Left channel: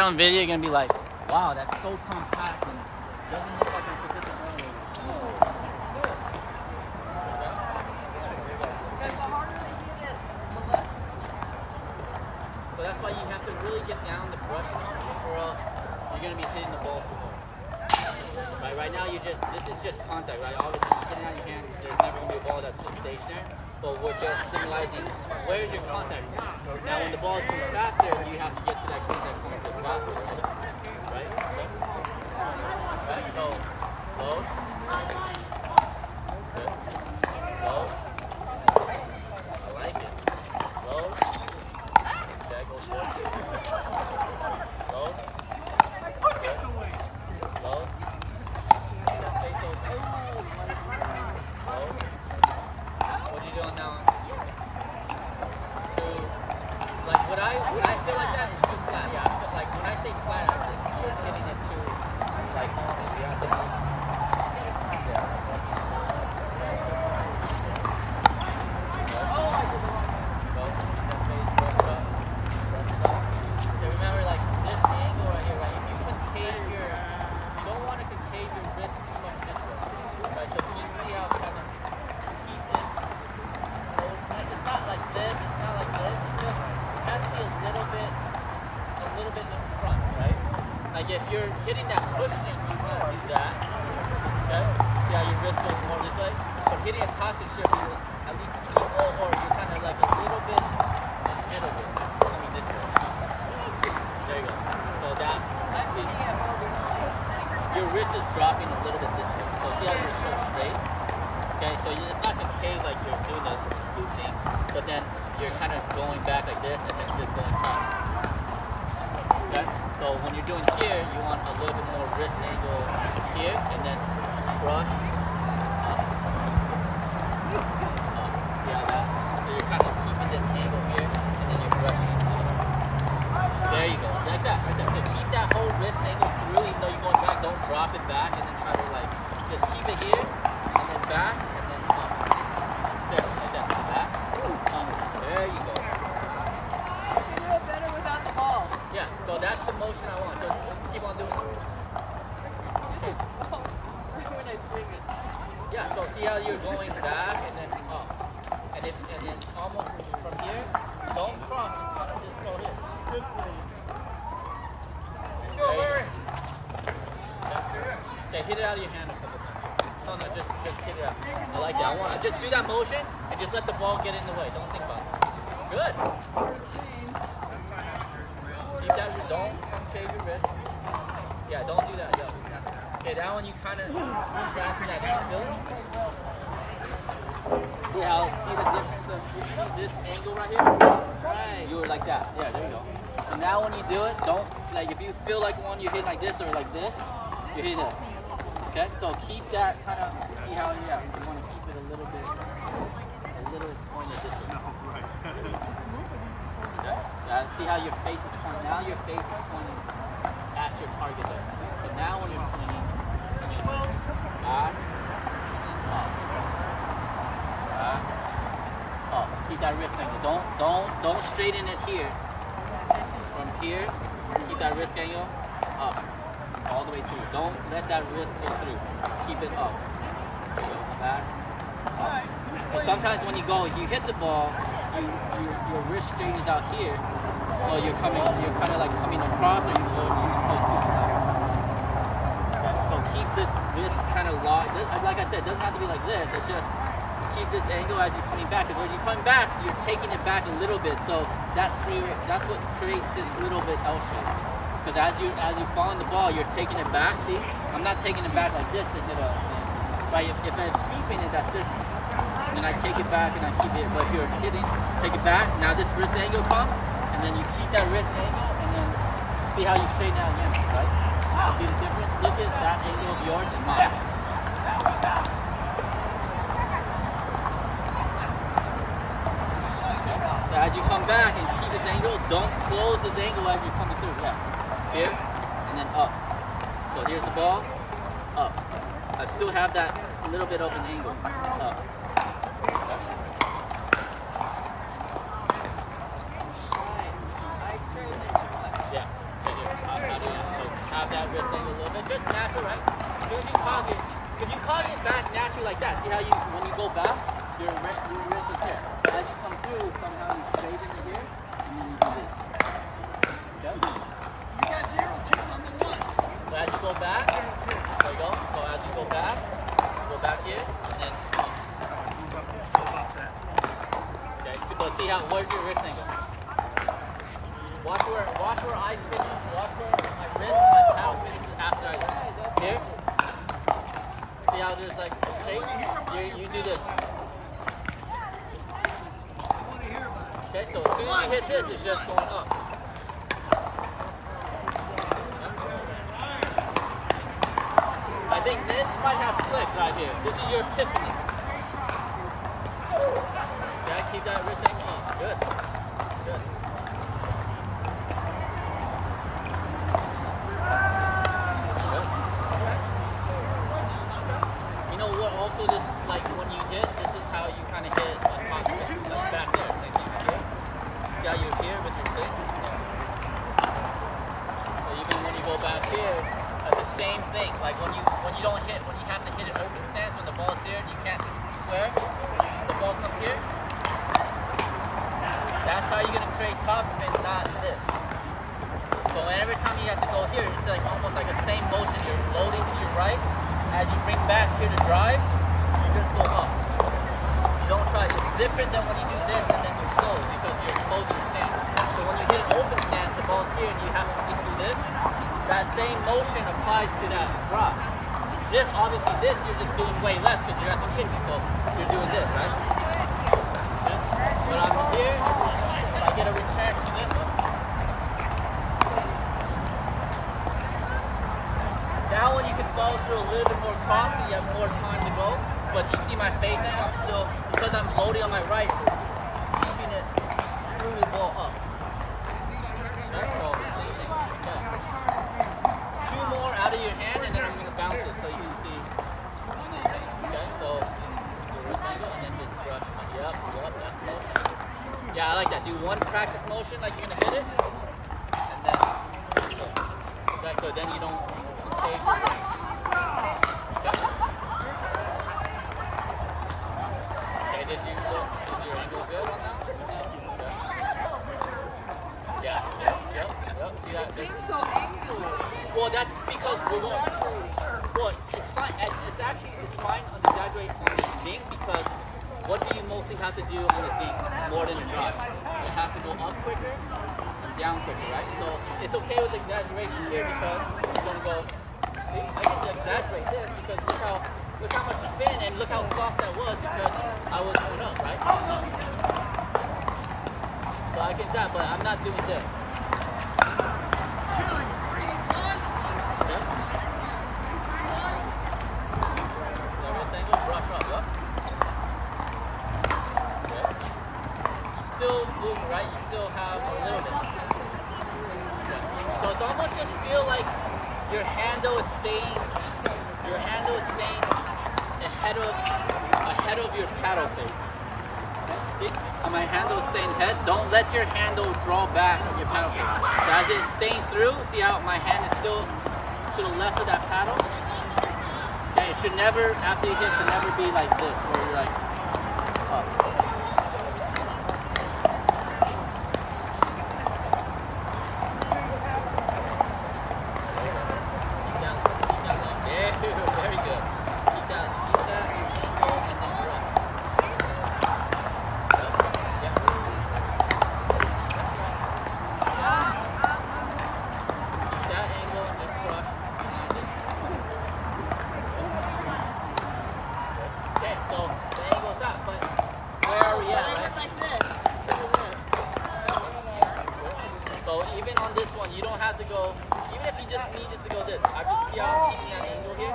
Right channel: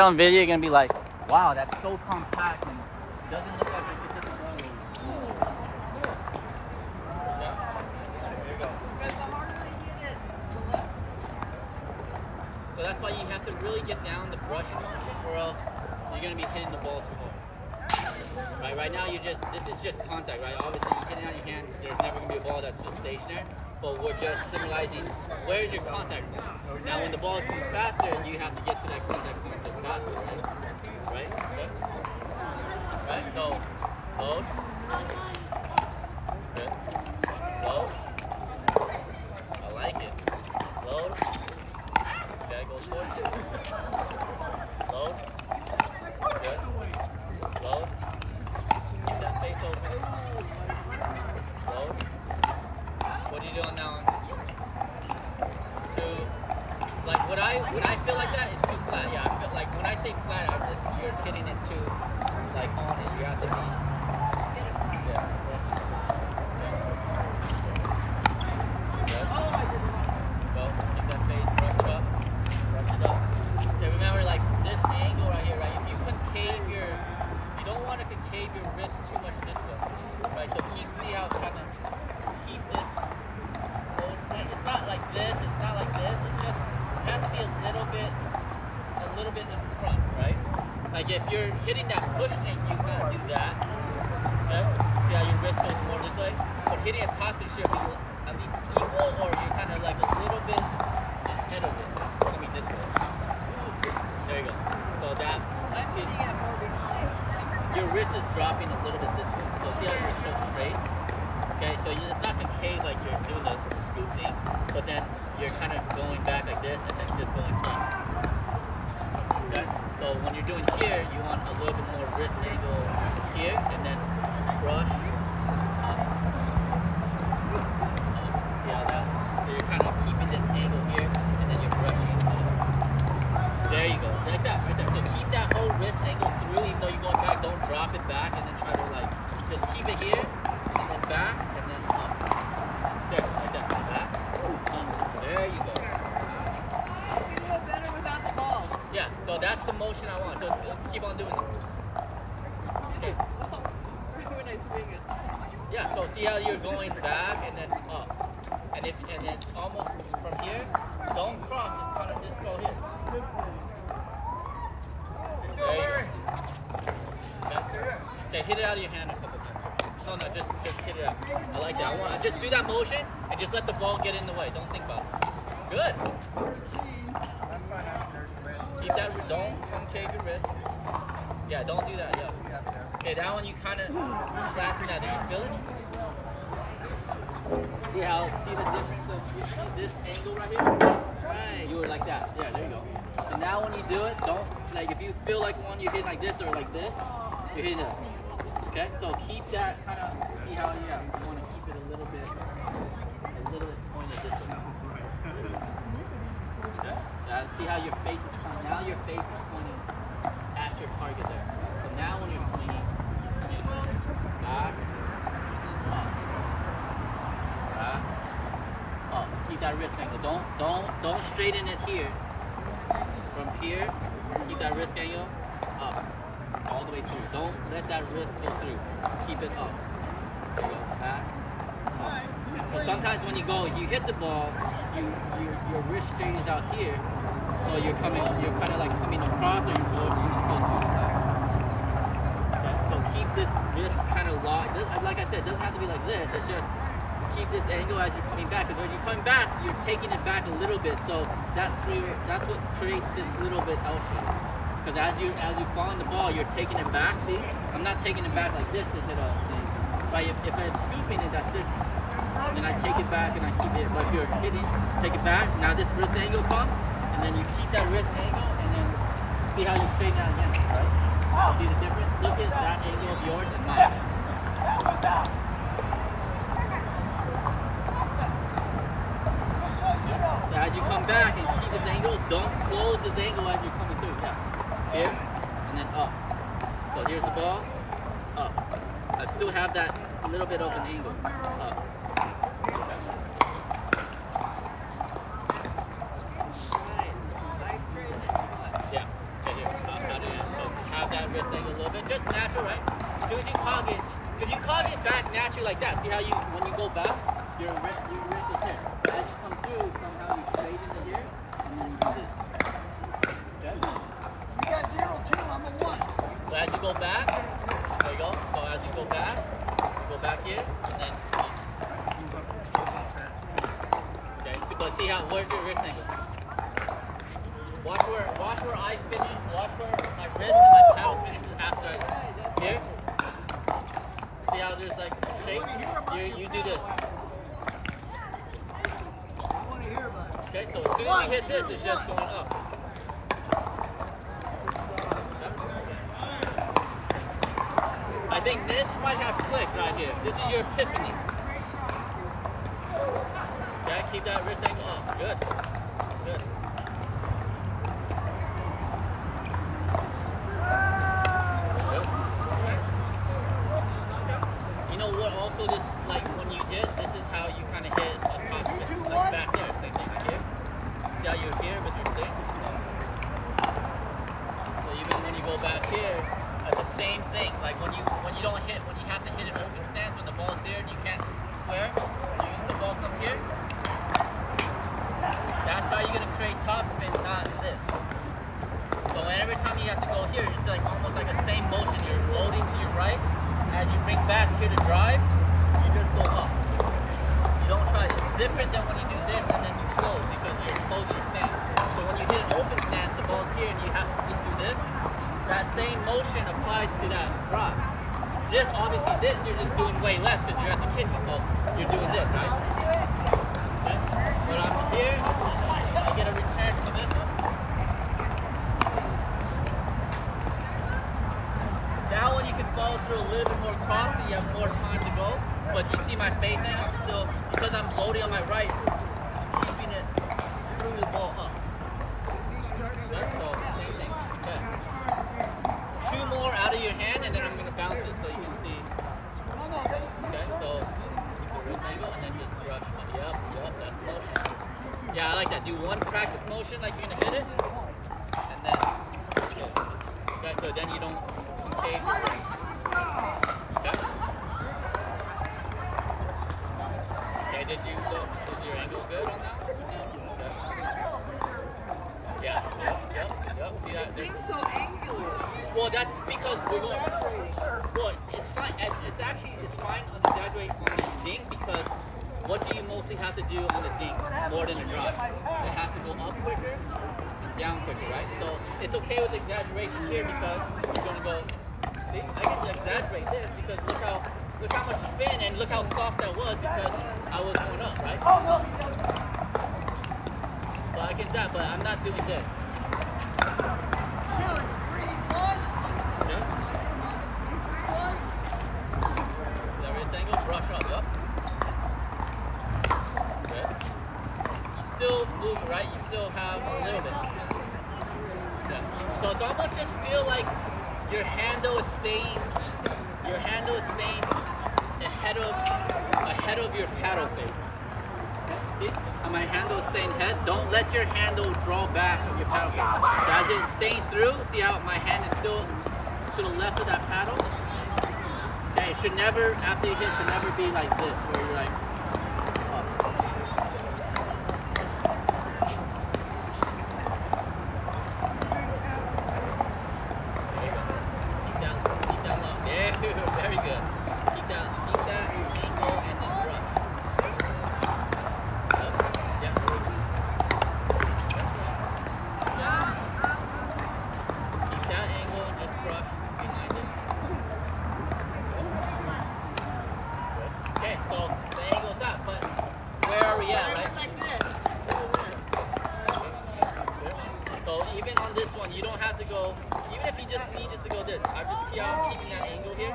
On video, you're gonna be like, wow, that's so compact and doesn't look like it's a disability. So that's why you have to really get down the brushing motion, or else you're gonna be hitting the ball too hard. Right now, this is just contact, right? Obviously, you're getting out your hand. There's never gonna be a ball that's just stationary. But we're just symbolizing where's your contact point. Now, when the ball comes faster, you have to get to that contact point just faster, right? Right? Right? So, load. Good. Load. I like it. Load. Okay, go towards it. Load. Good. Load. Keep that face open. Load. What are you doing now? Like when I feel like that, it's too flat. Yeah, I feel like when I say flat, you're hitting it too like on it. You have to. Yeah. Good. Go. Keep that face. Brush it up. Brush it up. Okay, remember like this angle right here, right? If you you don't want to concave your wrist too much this way, right? So see how kind of keep this. It's not like this. It's not like this. It's just. It has to be a little bit in front, right? Like if you're hitting that push thing, you kind of do that. Okay? See how your wrist goes more this way? But hitting a toxic shift, you at least equal, or you're kind of like a little bit ahead of it, coming this way. There you go. So that, your wrist is dropping a little bit this way. So see how you're so straight? Okay, so it's not concave like you're doing the scoop thing, but then you're kind of going back like this and then just going back. Okay? So when you're doing here, you want a little bit more wrist angle here and then brush up. See how that? So you're kind of keeping this angle here and then you're brushing up. There you go. That's that right there. So keep that whole wrist angle through, even though you're going back. Don't drop it back and then try to like just keep it here and then back and then up. There, like that. Back. There you go. You do it better without the ball. Yeah, so that's the motion I want. So keep on doing it. Okay. Yeah, so see how you're going back and then up. And then almost from here, don't cross, it's kind of just go here. There you go. Okay, hit it out of your hand a couple times. No, just hit it out. I like that. Just do that motion and just let the ball get in the way. Don't think about it. Good. Keep that. Don't concave your wrist. Yeah, don't do that. Yeah. Okay, that one you kind of scratching that. Do you feel it? See the difference of this angle right here? Right. You were like that. Yeah, there we go. So now when you do it, don't like if you feel like one you're hitting like this or like this, you hit it. Okay, so keep that kind of, see how you want to keep it a little pointed this way. Okay, see how your face is pointing, now your face is pointing at your target there. So now when you're swinging, back, up, back, up. Keep that wrist angle, don't straighten it here. From here, keep that wrist angle, up. All the way through. Don't let that wrist go through. Keep it up. Back. Up. So sometimes when you hit the ball, your wrist straightens out here. So you're kind of like coming across, and you just go to the side. Okay. So keep this wrist kind of locked. Like I said, it doesn't have to be like this. It's just keep this angle as you're coming back. Because when you're coming back, you're taking it back a little bit. So that's what creates this little bit L shape. Because as you fall in the ball, you're taking it back. See, I'm not taking it back like this to hit a thing. Right? If I'm sweeping it, that's different. And I take it back and I keep it. But if you're hitting, take it back. Now this wrist angle comes, and then you keep that wrist angle, and then see how you straighten out again, right? See the difference? Look at that angle of yours and mine. So as you come back and keep this angle, don't close this angle as you're coming through. Yeah. Here, and then up. So here's the ball, up. I still have that little bit of an angle, up. Yeah. have that wrist angle a little bit. Just natural, right? As soon as you cog it, because you cog it back naturally like that. See how you, when you go back, your wrist is here. As you come through, somehow you straight into here, and then you do this. Okay? You got 0-2, I'm a 1. So as you go back, there you go. So as you go back here, and then up. Okay, so see how, where's your wrist angle? Watch where I finish, watch where my wrist and my power finishes after I here. See how there's like shape? You do this. Okay, so as soon as you hit this, it's just going up. I think this might have clicked right here. This is your epiphany. Okay, keep that wrist angle up. Good. Good. You know what? Also, this like when you hit, this is how you kind of hit a top spin. Like back there, same thing right here. See how you're here with your stick? So even when you go back here, the same thing. Like when you don't hit, when you have to hit an open stance when the ball's here, and you can't square. When the ball comes here, that's how you're gonna create top spin, not this. So every time you have to go here, it's like almost like the same motion. You're loading to your right. As you bring back here to drive, you just go up. You don't try. It's different than when you do this and then you close because you're closing your stance. So when you hit an open stance, the ball's here and you have to just do this. That same motion applies to that drop. This, obviously, this you're just doing way less because you're at the kitchen, so you're doing this, right? Okay. When I'm here, I get a return to this one. That one you can follow through a little bit more costly, you have more time to go. But you see my face now, I'm still, because I'm loading on my right, keeping it through the ball up. Okay, so, same thing. Okay. 2 more out of your hand, and then I'm going to bounce it so you can see. Okay, so wrist angle, and then just brush. Yep, that's the motion. Yeah, I like that. Do one practice motion like you're going to hit it, and then good. Okay, so then you don't concave your wrist. Okay? Okay, is your angle good on that? Okay. Yeah, yep. See that? Well, that's because we're going. Well, it's fine. It's fine to exaggerate on the dink because what do you mostly have to do on the dink more than the drive? It has to go up quicker and down quicker, right? So it's okay with exaggeration here because you're going to go. See, I can exaggerate this because look how much spin and look how soft that was because I was going up, right? So I can tap, but I'm not doing this. Still moving, right? You still have a little bit. Yeah. So it's almost just feel like your handle is staying ahead of your paddle face. See? And my handle is staying ahead. Don't let your handle draw back of your paddle face. So as it's staying through, see how my hand is still to the left of that paddle? Okay, it should never, after you hit, it should never be like this, where you're like up. Very good. Keep that angle and then brush. Yeah. Keep that angle and just brush behind it. Good. Okay, so the angle is up, but where are we at, right? So even on this one, you don't have to go. Even if you just needed to go this, I just see how I'm keeping that angle here. Okay.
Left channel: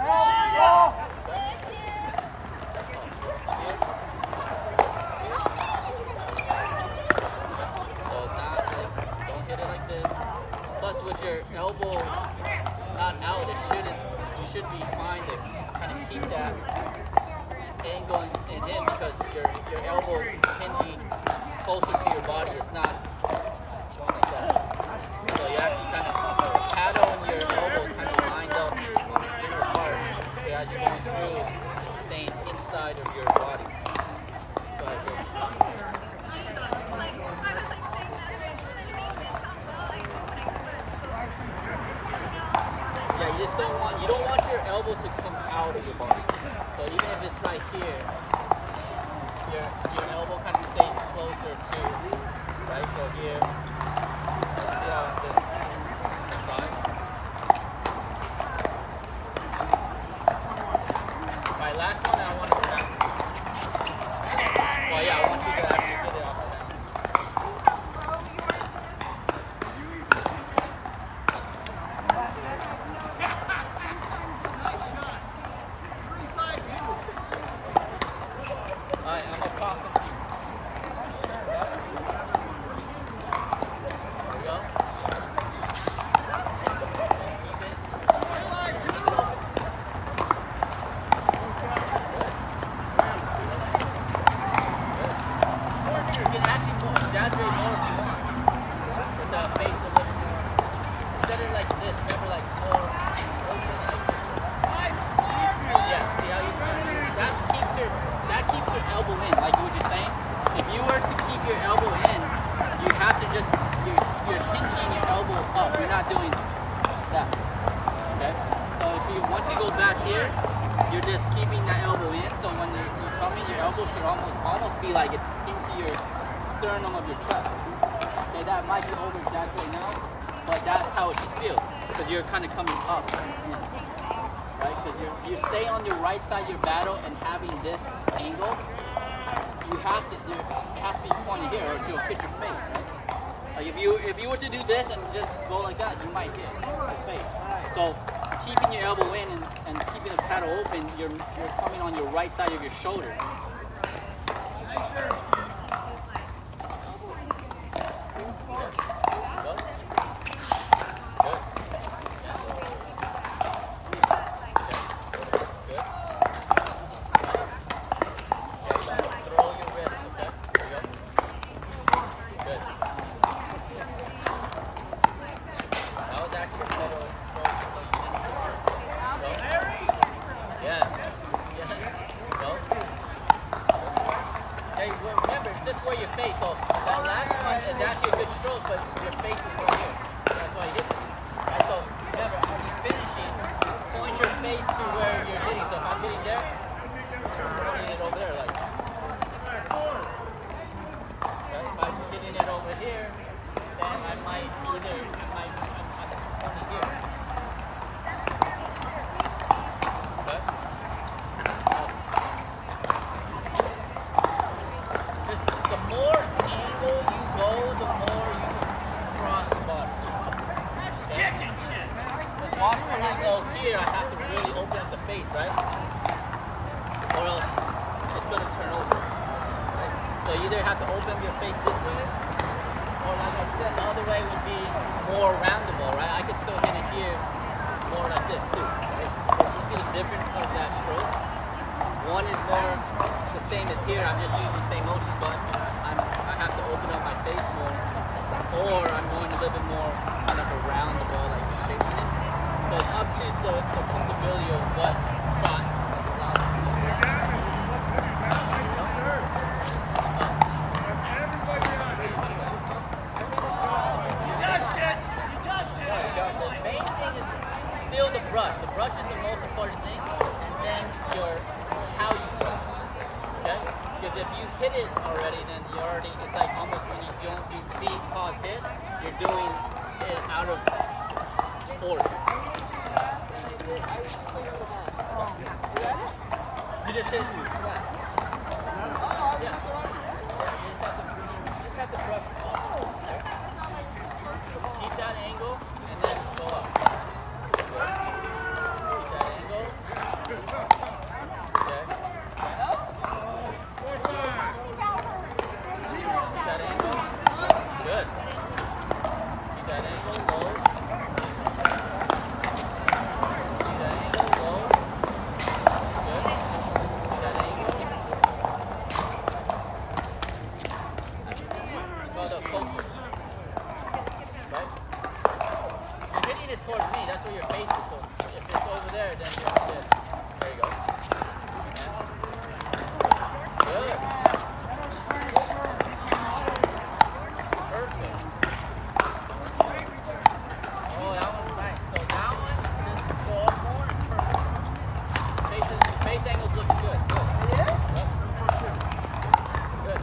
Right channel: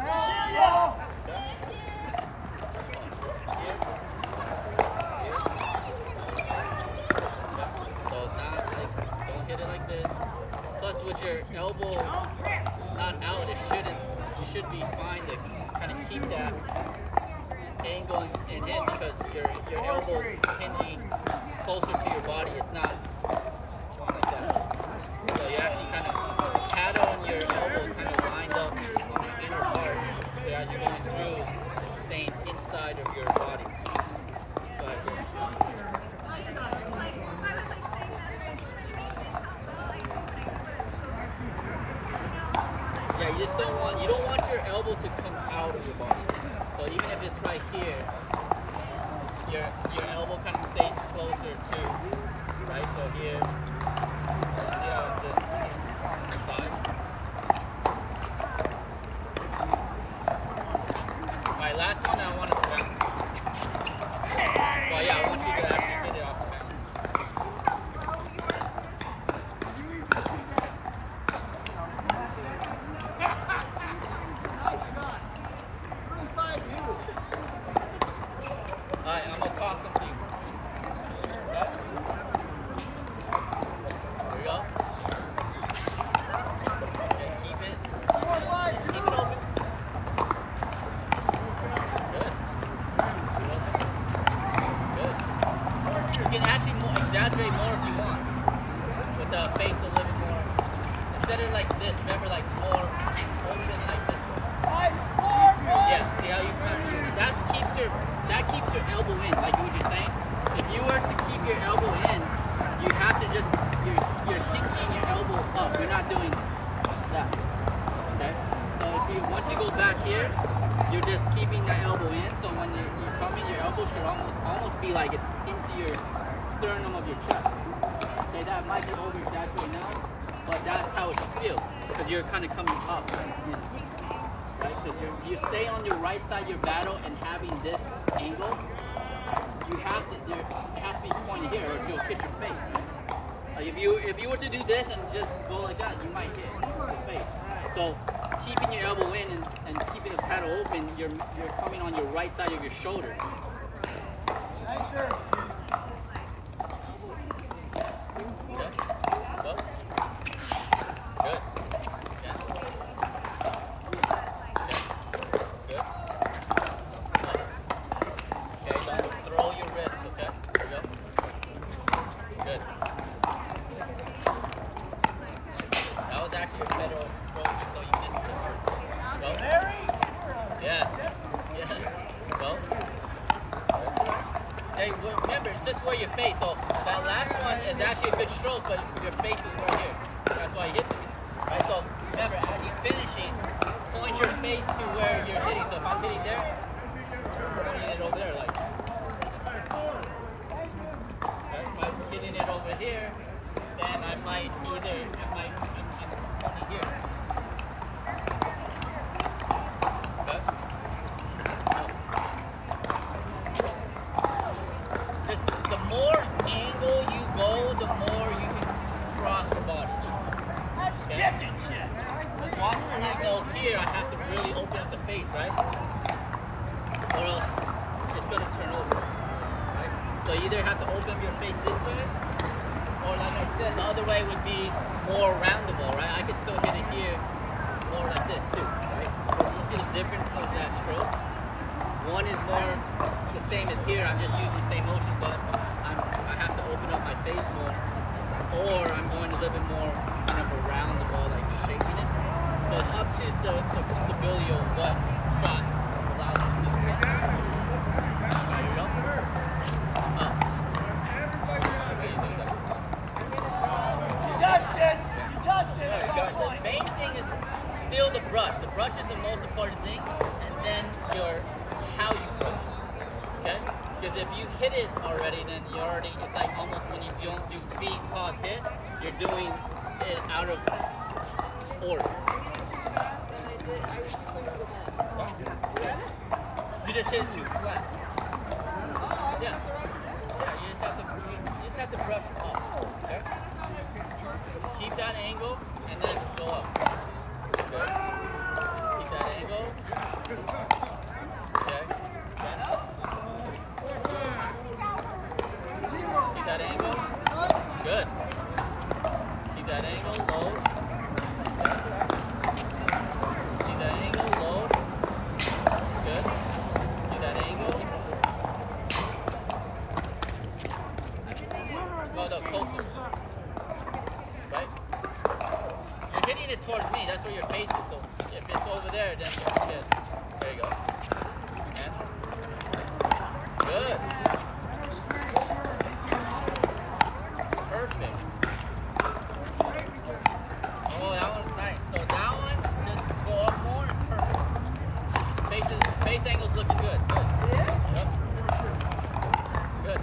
So not like, don't hit it like this. Plus with your elbow not out, you should be fine to kind of keep that angle in because your elbow is hinging closer to your body. It's not going like that. So you actually kind of paddle in your elbow elbow kind of lined up on the inner part, so as you're going through, it's staying inside of your body. So like this. Yeah, you don't want your elbow to come out of your body. So even if it's right here, your elbow kind of stays closer to, right? So here, see how this side. Alright, last one I want to bounce. Well, yeah, I want you to actually get it off the bounce. Alright, I'm gonna toss them to you. Yep. There we go. Okay, keep it. Keep it open. Good. Keep it open. Good. You can actually exaggerate more if you want. With the face a little more. Instead of like this, remember like more open like this way. Yeah, see how you kind of, that keeps your elbow in, like what you're saying. If you were to keep your elbow in, you have to just, you're pinching your elbow up. You're not doing that. Okay? So once you go back here, you're just keeping that elbow in. So when you come in, your elbow should almost be like it's into your sternum of your chest. So that might be over exaggerated now, but that's how it should feel. Because you're kind of coming up and in. Right? Because you stay on your right side of your battle and having this angle, it has to be pointed here or you'll hit your face. Right? Like if you were to do this and just go like that, you might hit your face. So keeping your elbow in and keeping the paddle open, you're coming on your right side of your shoulder. Okay. Go. Good. Remember, it's just where your face. So that last one is actually a good stroke, but your face is right here. That's why you hit it. Right? So remember, as you're finishing, point your face to where you're hitting. So if I'm hitting there, I'm pointing it over there. Like, right? If I'm hitting it over here, then I'm pointing here. The more angle you go, the more you cross the body. Okay? Once when I go here, I have to really open up the face, right? Or else it's going to turn over. Right? So you either have to open your face this way, or like I said, the other way would be more roundable, right? I could still hit it here more like this too, right? So you see the difference of that stroke? One is more the same as here. I'm just using the same motion, but I have to open up my face more. Or I'm going a little bit more kind of around the ball, like shaping it. So it's up to the comfortability of what shot allows you to do. There you go. The main thing is still the brush. The brush is the most important thing, and then how you brush. Okay? Because if you hit it already, then it's like almost when you don't do feed, pause, hit, you're doing it out of order. You just hit it too flat. Yeah. You just have to brush up. Okay? Keep that angle and then go up. Good. Keep that angle. Okay. Keep that angle. Good. Keep that angle, load. Keep that angle, load. Good. Keep that angle. Go closer. Right? swinging, that's where your face is. So if it's over there, then you're good. There you go. Yeah. Good. Perfect. Oh, that one's nice. So that one, just go up more. Perfect. Face angle's looking good. Good. Yep. Good.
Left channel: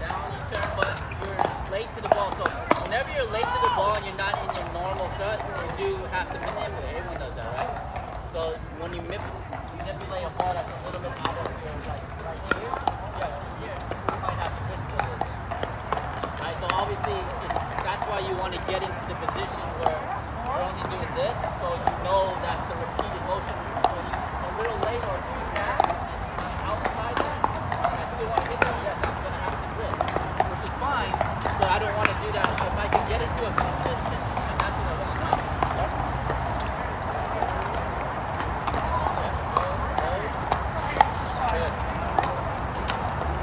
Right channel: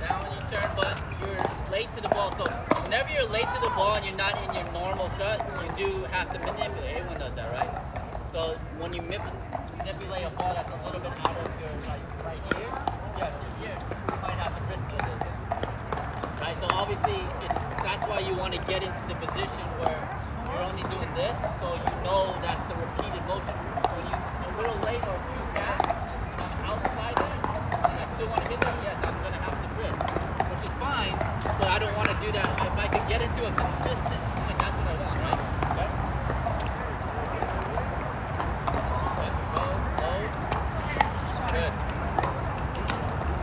Down, you turn, but you're late to the ball. So whenever you're late to the ball and you're not in your normal shot, you do have to manipulate. Everyone does that, right? So when you manipulate a ball that's a little bit out of your, like, right here, yes, here, you might have to risk it a little bit. Right, so obviously, that's why you want to get into the position where you're only doing this, so you know that's the repeated motion. When you're a little late or too fast, I'm outside that, and I still want to hit that, yes, I'm going to have to grip, which is fine, but I don't want to do that. If I can get into a consistent point, that's what I want, right? Okay? Load. Good.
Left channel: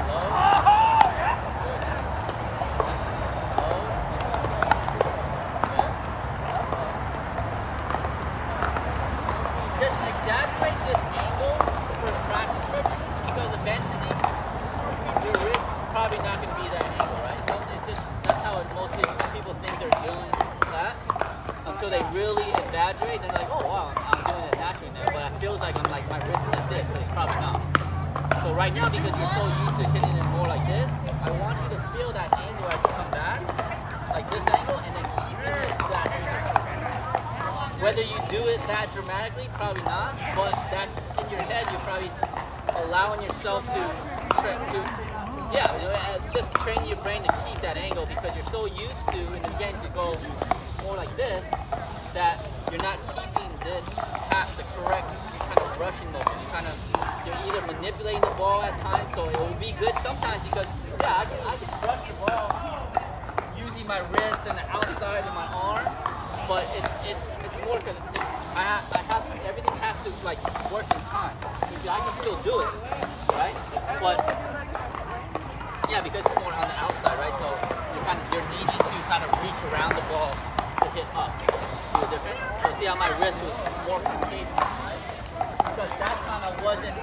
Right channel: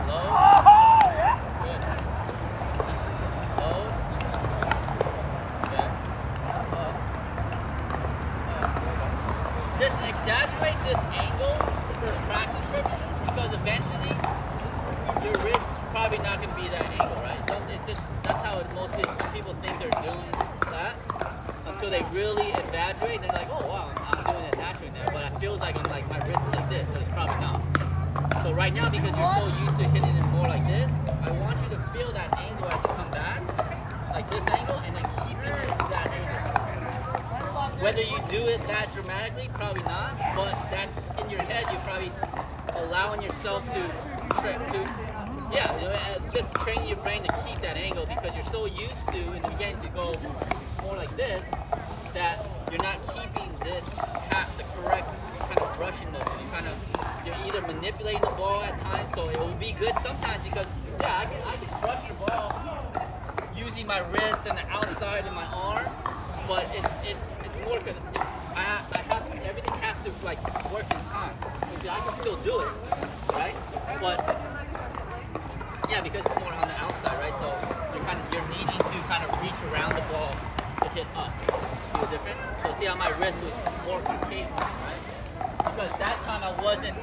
Load. Good. Load. Okay. Up. Just exaggerate this angle for practice purposes because eventually your wrist probably not going to be that angle, right? So it's just, that's how it mostly, some people think they're doing that until they really exaggerate. They're like, oh wow, I'm doing it naturally now, but it feels like I'm like, my wrist is like this, but it's probably not. So right now, because you're so used to hitting it more like this, I want you to feel that angle as you come back, like this angle, and then keeping it that angle. Whether you do it that dramatically, probably not, but that's in your head, you're probably allowing yourself to just training your brain to keep that angle because you're so used to, and again, to go more like this, that you're not keeping this at the correct kind of brushing motion. You're either manipulating the ball at times, so it will be good sometimes because, yeah, I can brush the ball using my wrist and the outside of my arm, but it's more because I have everything has to like work in time. I can still do it, right? But yeah, because it's more on the outside, right? So you're needing to kind of reach around the ball to hit up. See the difference? So see how my wrist was more concave, right? Because that kind of wasn't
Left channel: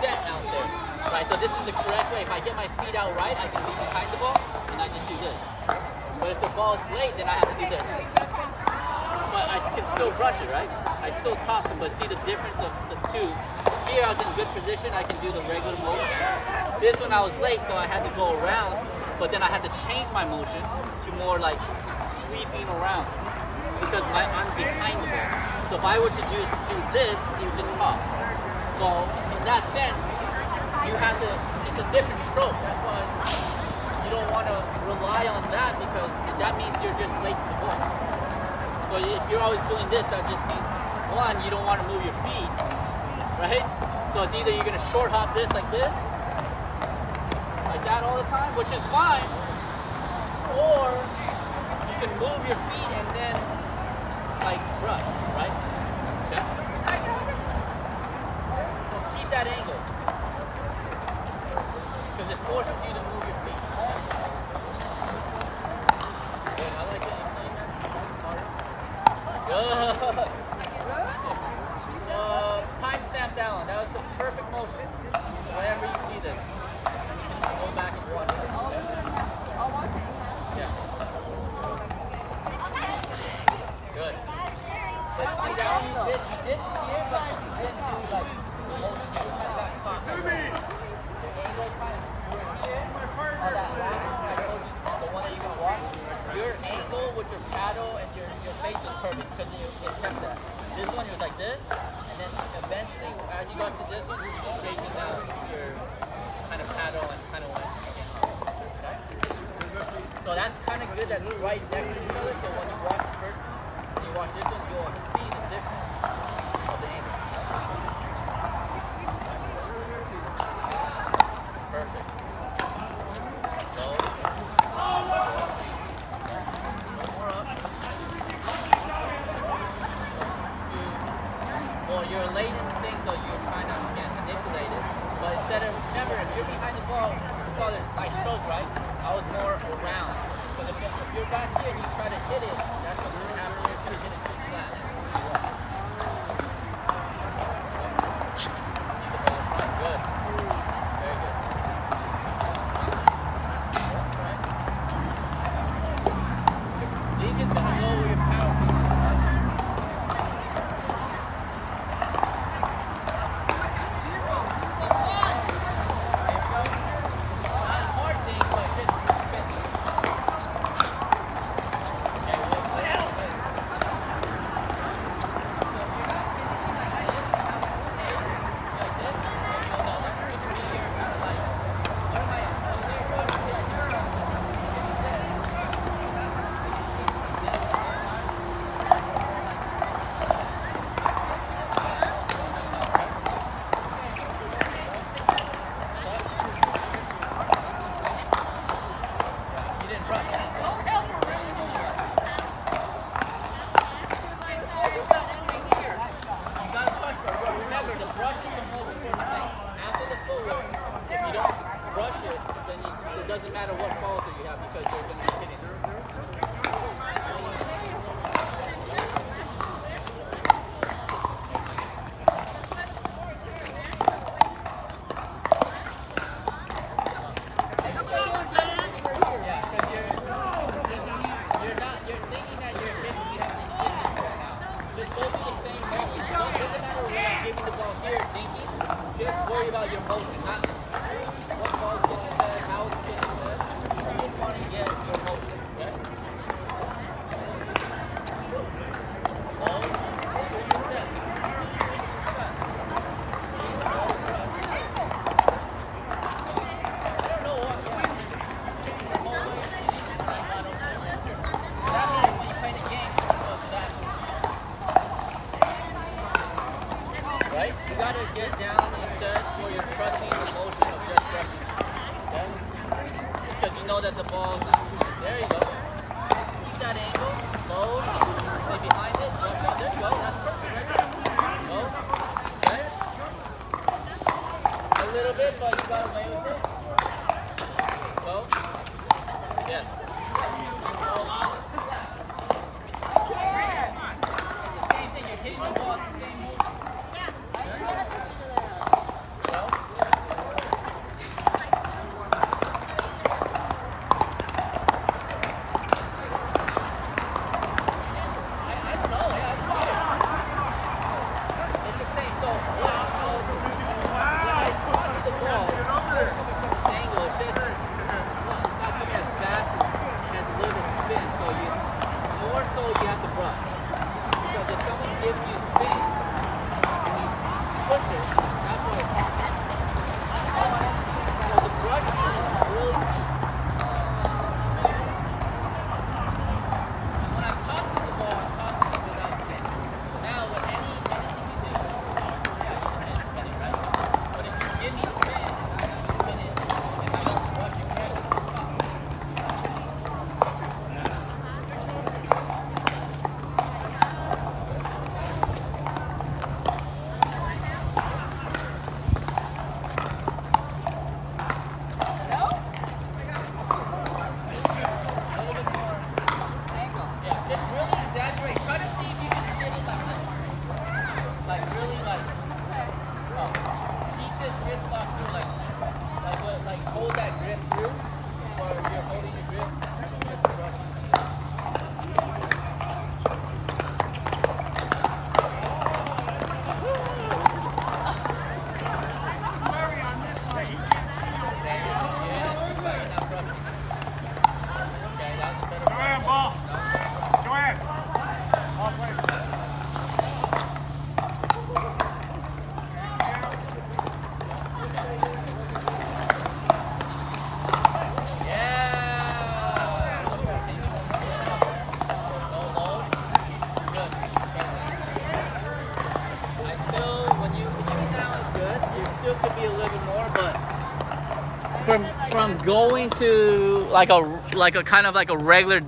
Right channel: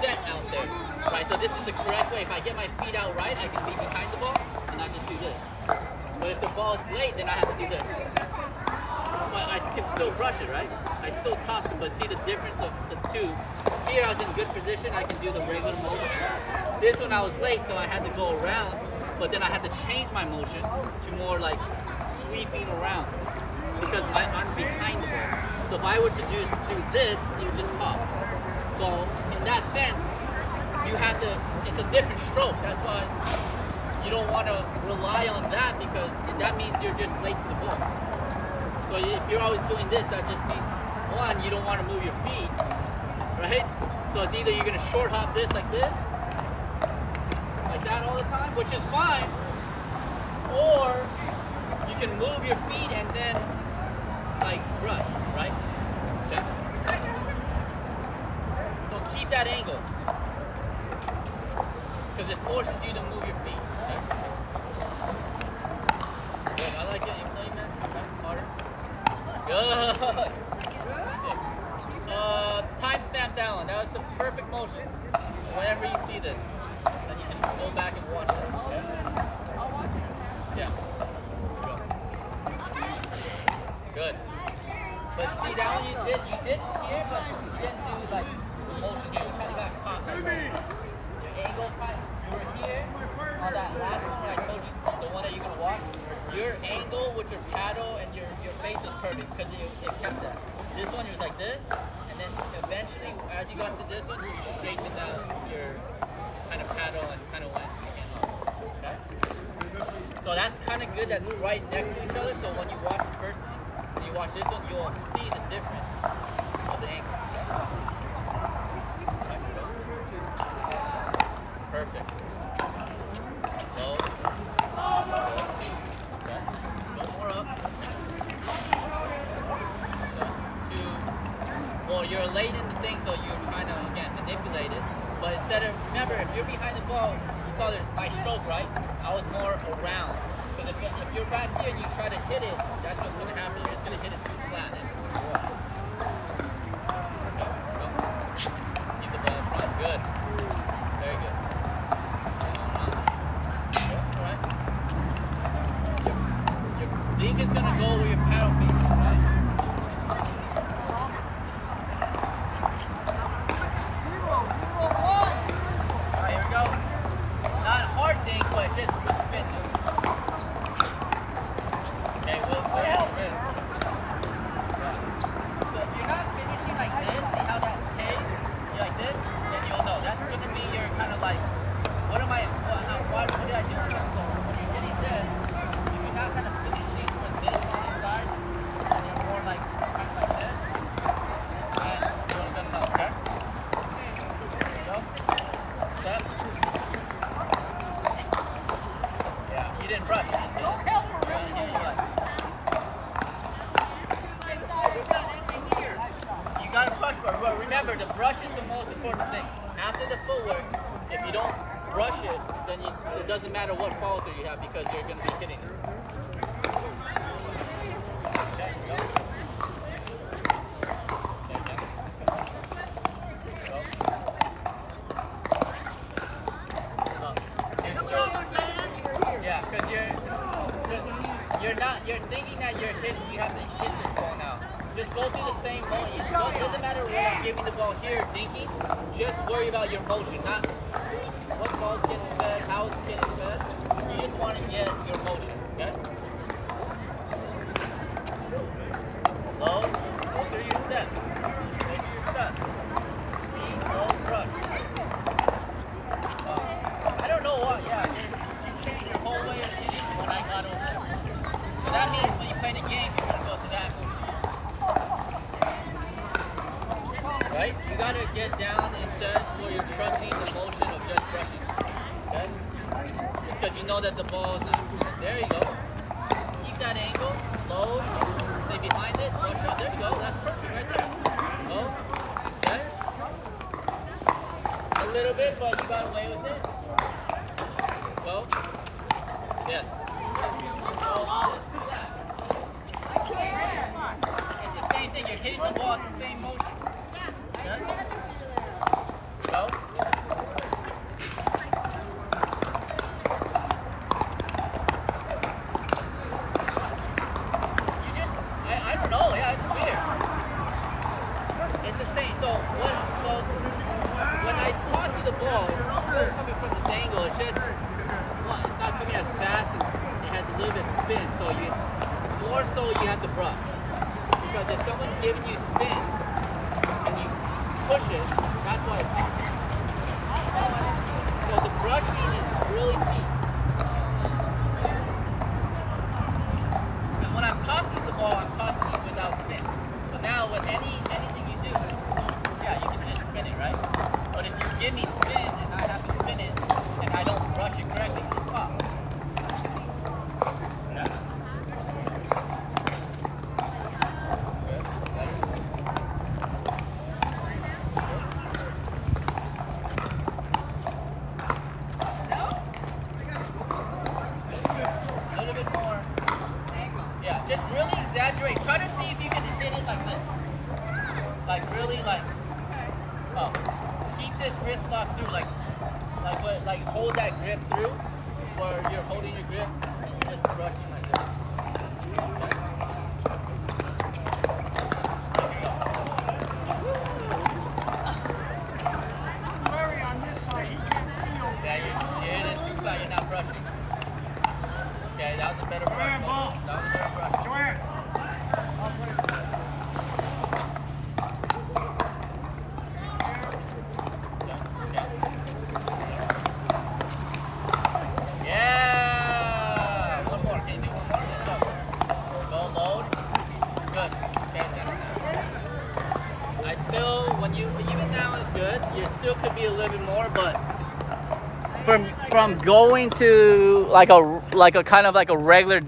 set out there, right? So this is the correct way. If I get my feet out right, I can be behind the ball and I just do this. But if the ball is late, then I have to do this. But I can still brush it, right? I still toss it, but see the difference of the two. Here I was in good position, I can do the regular motion. This one I was late, so I had to go around, but then I had to change my motion to more like sweeping around because I'm behind the ball. So if I were to do this, it would just pop. So in that sense, you have to, it's a different stroke. That's why you don't want to rely on that because that means you're just late to the ball. So if you're always doing this, that just means, one, you don't want to move your feet, right? So it's either you're going to short hop this like this, like that all the time, which is fine, or you can move your feet and then like brush, right? Okay. So keep that angle, because it forces you to move your feet. Okay? Good, I like it. Harder. Good. Timestamp that one. That was the perfect motion. Whenever you see this, then you can go back and watch it. Okay? Yeah. Good. But see that one you did here, but you didn't do like the motion. You kind of got caught like right. Your angle kind of, you were here on that last one when I told you, the one that you're gonna watch. Your angle with your paddle and your face was perfect because it kept that. This one it was like this, and then eventually as you got to this one, you straightened out your kind of paddle and kind of went up. Okay? So that's kind of good. That's right next to each other. So when you watch the first one, when you watch this one, you'll see the difference of the angle. Okay? Perfect. Low. Okay. Go more up. Well, you're late in the thing, so you're trying to, again, manipulate it. But instead of, remember, if you're behind the ball, you saw my stroke, right? I was more around. Because if you're back here and you try to hit it, that's what's going to happen. You're just going to hit it too flat. Keep the ball in front. Good. Very good. That's right. Your dink is going to go where your paddle faces, right? Alright, here we go. Not hard dink, but just spin. Okay, we'll spin. So if you're not finishing like this, see how that stays? You're like this, then you'll know. That's going to be your kind of like, what did I do now? So when you're hitting this, if you're not kind of finishing like this on this side, then you're more like kind of like this. And you're going to know, okay? There you go. Step. Yeah, you didn't brush. Don't help her really more. You gotta brush first. But remember, the brush is the most important thing. After the footwork, if you don't brush it, then it doesn't matter what follow through you have because you're gonna be hitting it. Yeah, because you're thinking that you have to hit this ball now. Just go through the same motion. It doesn't matter when I'm giving the ball here, thinking. Just worry about your motion, not what ball's getting fed, how it's getting fed. You just want to get your motion, okay? Slow, go through your steps. Go through your steps. Speed, slow, brush. I don't know what, yeah. You changed your whole way of hitting when I got over there. So that means when you play the game, you're going to go to that move. Right? You got to get down and set where you're trusting the motion of just brushing. Okay? Just because you know that the ball is not. There you go. Keep that angle. Low. Stay behind it. Brush up. There you go. That's perfect right there. Low. Okay? A little bit, but you got away with it. Go. Yes. It's the same thing. You're hitting the ball at the same motion. Okay? Go. I don't know. Yeah, it's weird. It's the same. So when I toss you the ball, it's still coming from this angle. It's just, well, it's not coming as fast as it has a little bit of spin. So you have to brush. Because if someone's giving you spin and you push it, that's why it pops. So the brushing is really key. And when I'm tossing the ball, I'm tossing it without spin. So now with anything you do, yeah, you can just spin it, right? But if you give me spin and I have to spin it and I don't brush it correctly, it's pop. Just really exaggerate. Try to see if you can hit it like this. Like really keep this wrist lock through, like hold that grip through, where you're holding your grip, just brushing like this. Larry on this side, he can't see over there. You're in it too far, you're not brushing. Okay, that was a better brush. That was a better brush. Yeah! One more. Can you do one more? Let's go. Go load. Good. Okay, I still, even now it's good. You still could be a little bit more, but from going to like a kind of like a regular